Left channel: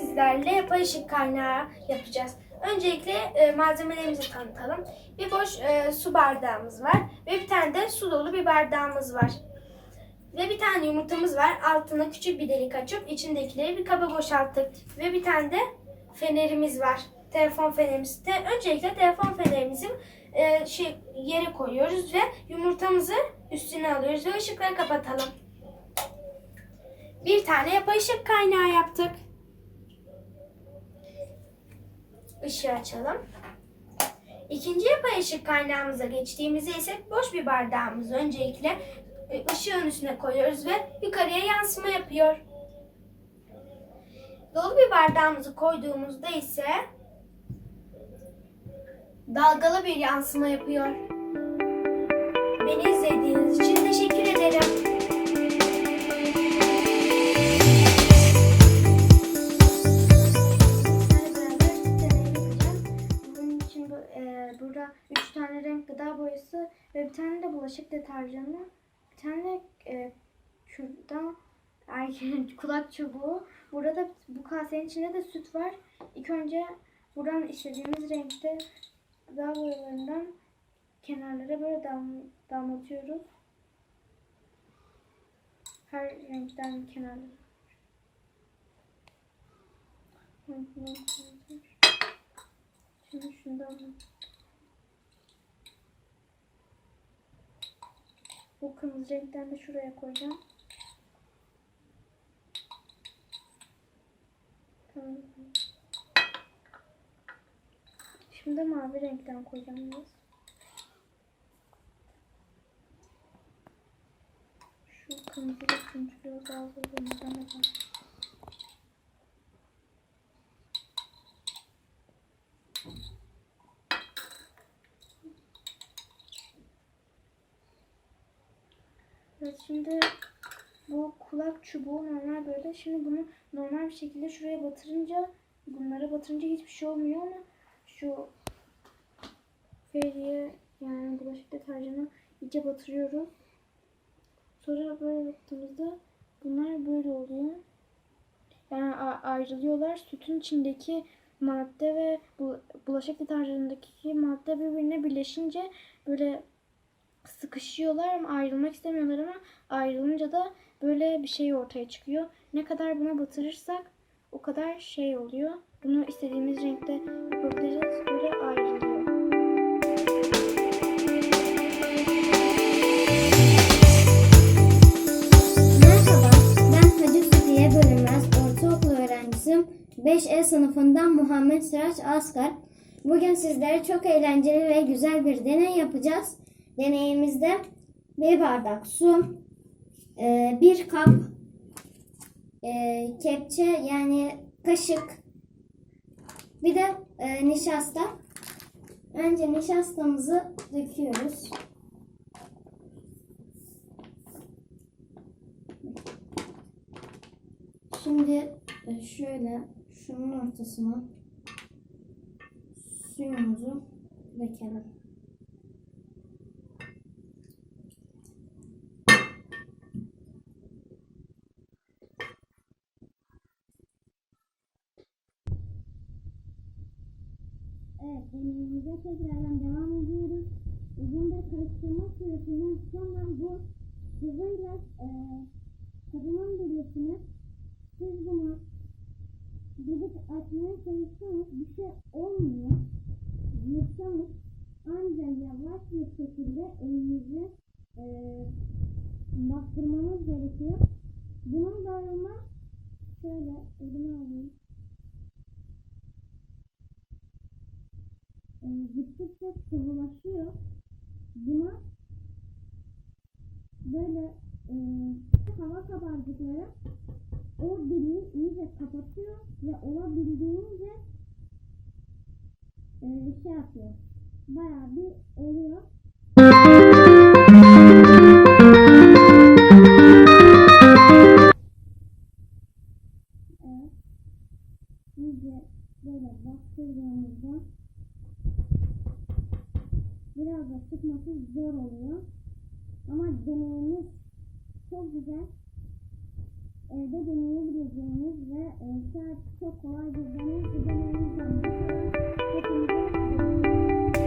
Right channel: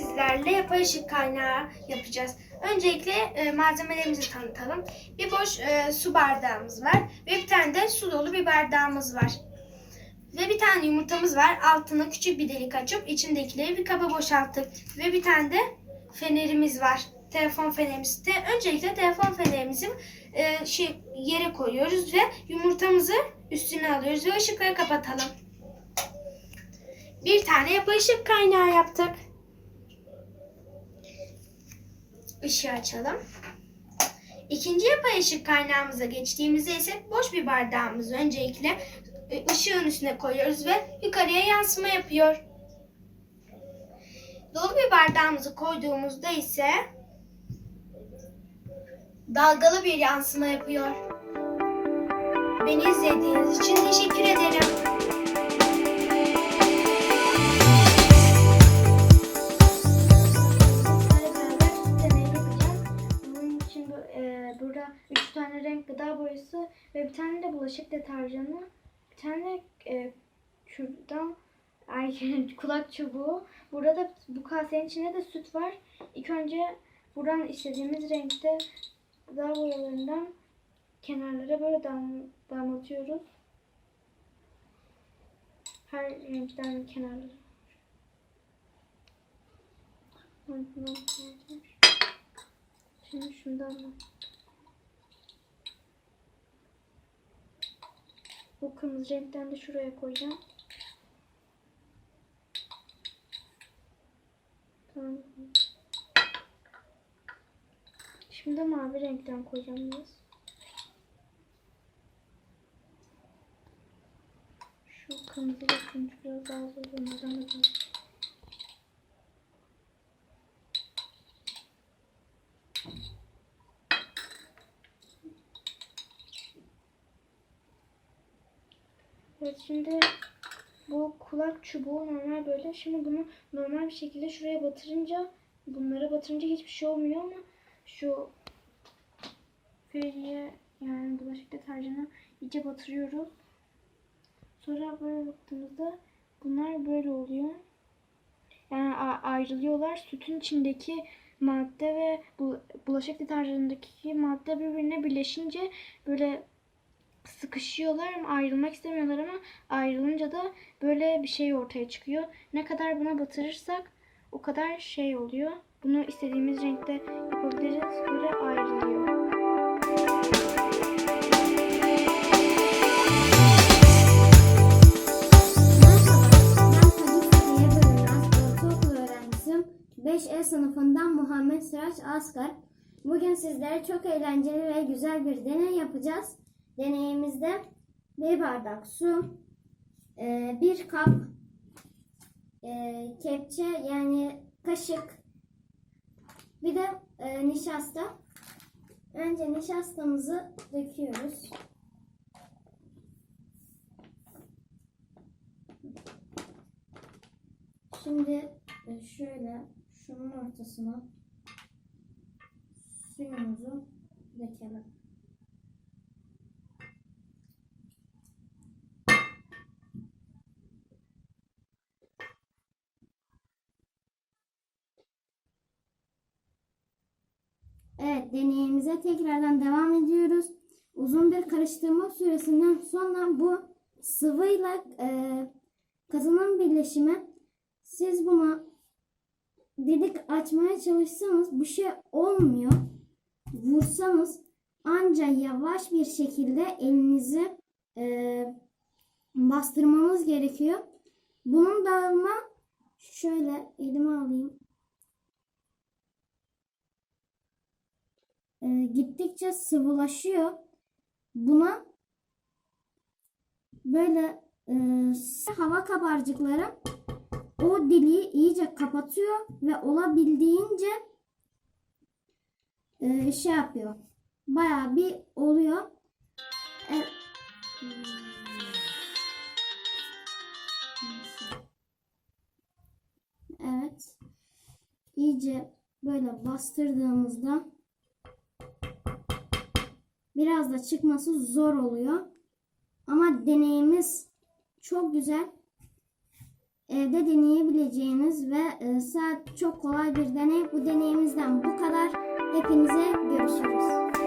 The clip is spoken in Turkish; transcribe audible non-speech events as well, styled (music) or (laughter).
renklerle yapay ışık kaynağı yapacağız. Öncelikle e, malzemelerimizi tanıtalım. Bir boş e, su bardağımız var ve bir tane de su dolu bir bardağımız var. Ve bir tane yumurtamız var. Altına küçük bir delik açıp içindekileri bir kaba boşalttık. Ve bir tane de fenerimiz var. Telefon fenerimiz. De, öncelikle telefon fenerimizi e, şey, yere koyuyoruz ve yumurtamızı üstüne alıyoruz ve ışıkları kapatalım. Bir tane yapay ışık kaynağı yaptık. Işığı açalım. İkinci yapay ışık kaynağımıza geçtiğimizde ise boş bir bardağımızı öncelikle e, ışığın üstüne koyuyoruz ve yukarıya yansıma yapıyor. Dolu bir bardağımızı koyduğumuzda ise dalgalı bir yansıma yapıyor. Beni izlediğiniz için teşekkür ederim. Burada üç tane renk gıda boyası ve bir tane de bulaşık deterjanı, bir tane e, kürdan, ay (laughs) kulak çubuğu. Burada da bu kasenin içinde de süt var. İlk önce buradan istediğimiz renkte gıda boyalarından kenarlara böyle dam, damlatıyoruz. Her renkten kenarlara. Şimdi şundan bu kırmızı renkten de şuraya koyacağım. Tamam. Şimdi mavi renkten koyacağım biraz. Şu kırmızı da turuncuyu daha zor bunlardan da Evet şimdi bu kulak çubuğu normal böyle. Şimdi bunu normal bir şekilde şuraya batırınca bunlara batırınca hiçbir şey olmuyor ama şu feriye yani bulaşık deterjanı iyice batırıyoruz. Sonra böyle baktığımızda bunlar böyle oluyor. Yani ayrılıyorlar. Sütün içindeki madde ve bu bulaşık deterjanındaki madde birbirine birleşince böyle sıkışıyorlar ama ayrılmak istemiyorlar ama ayrılınca da böyle bir şey ortaya çıkıyor. Ne kadar buna batırırsak o kadar şey oluyor. Bunu istediğimiz renkte yapabiliriz. Böyle ayrılıyor. Merhaba, ben Hacı Safiye Bölünmez Ortaokul öğrencisiyim. 5E sınıfından Muhammed Sıraç Asgar. Bugün sizlere çok eğlenceli ve güzel bir deney yapacağız. Deneyimizde bir bardak su, e, bir kap e, kepçe yani kaşık, bir de e, nişasta. Önce nişastamızı döküyoruz. Şimdi şöyle şunun ortasına suyumuzu dökelim. Evet deneyimize tekrardan devam ediyoruz. Uzun bir karıştırma süresinden sonra bu sıvıyla e, katının birleşimi siz buna dedik açmaya çalışsanız bir şey olmuyor. Vursanız ancak yavaş bir şekilde elinizi e, bastırmanız gerekiyor. Bunun dağılma şöyle elime alayım. E, gittikçe sıvılaşıyor. Buna böyle e, hava kabarcıkları o deliği iyice kapatıyor ve olabildiğince e, şey yapıyor. Bayağı bir oluyor. Evet. İyice böyle bastırdığımızda biraz da çıkması zor oluyor. Ama deneyimiz çok güzel. Evde deneyebileceğiniz ve e, saat çok kolay bir deney. Bu deneyimizden bu kadar. Hepinize görüşürüz.